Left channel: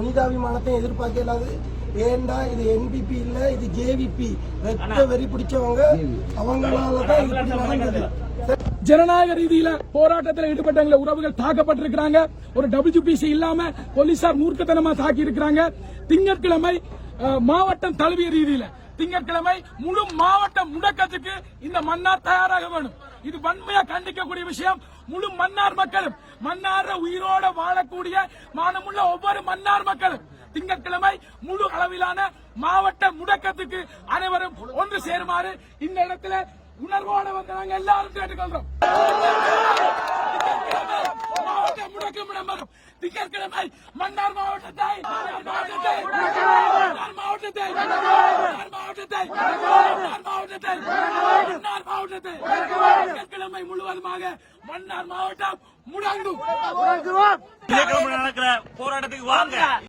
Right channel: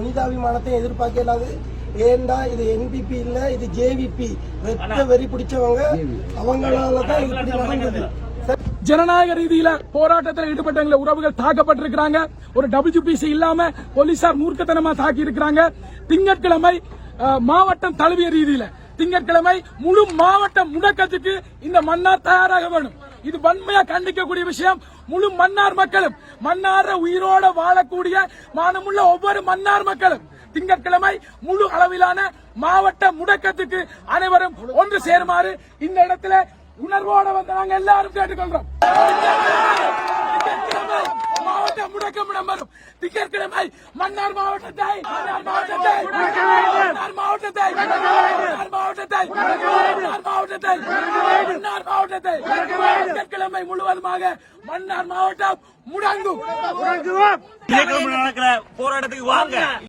மனிதாபிமானத்தை எதிர்பார்க்க இல்லாது. ஏண்டா இது NPP இல்ல, இது JVP. ரத்த வெறி பிடிச்சவங்க, அவங்களாலதான் இது நடந்தது. ஜனநாயக ரீதியில போராட்டத்தில் ஈடுபட்ட உறவுகள் தாக்கப்பட்டிருக்கிறாங்க. ஒரு WPC இல்லாம போலீசார் மூர்க்கத்தனமா தாக்கி இருக்கிறாங்க. திங்கட்கிழமை மாவட்டம் தழுவிய ரீதியில திங்கட்கிழமை முழு மாவட்ட முடக்கத்துக்கு இந்த மன்னார் தயாராக வேண்டும். இது வன்மையா கண்டிக்கக்கூடிய விஷயம். முழு மன்னார் மக்களும், மன்னார உயிரோட வாழக்கூடிய மானமுள்ள ஒவ்வொரு மன்னார் மக்களும் திங்கட்கிழமை முழு அளவிலான மாவட்ட முடக்கத்துக்கு அனைவரும் ஒன்று சேருமாறு இந்த இடத்துல உணர்வோட வந்து நாங்க எல்லாரும் கேட்டுக்கொள்றோம். மாவட்ட முடக்கம் இடம்பெறும். திங்கட்கிழமை மன்னார் மாவட்டத்தை திங்கட்கிழமை முழுவதுமாக மன்னார் மாவட்டம் முடங்கும். நடக்கிற போராட்டத்துக்கு வாங்க.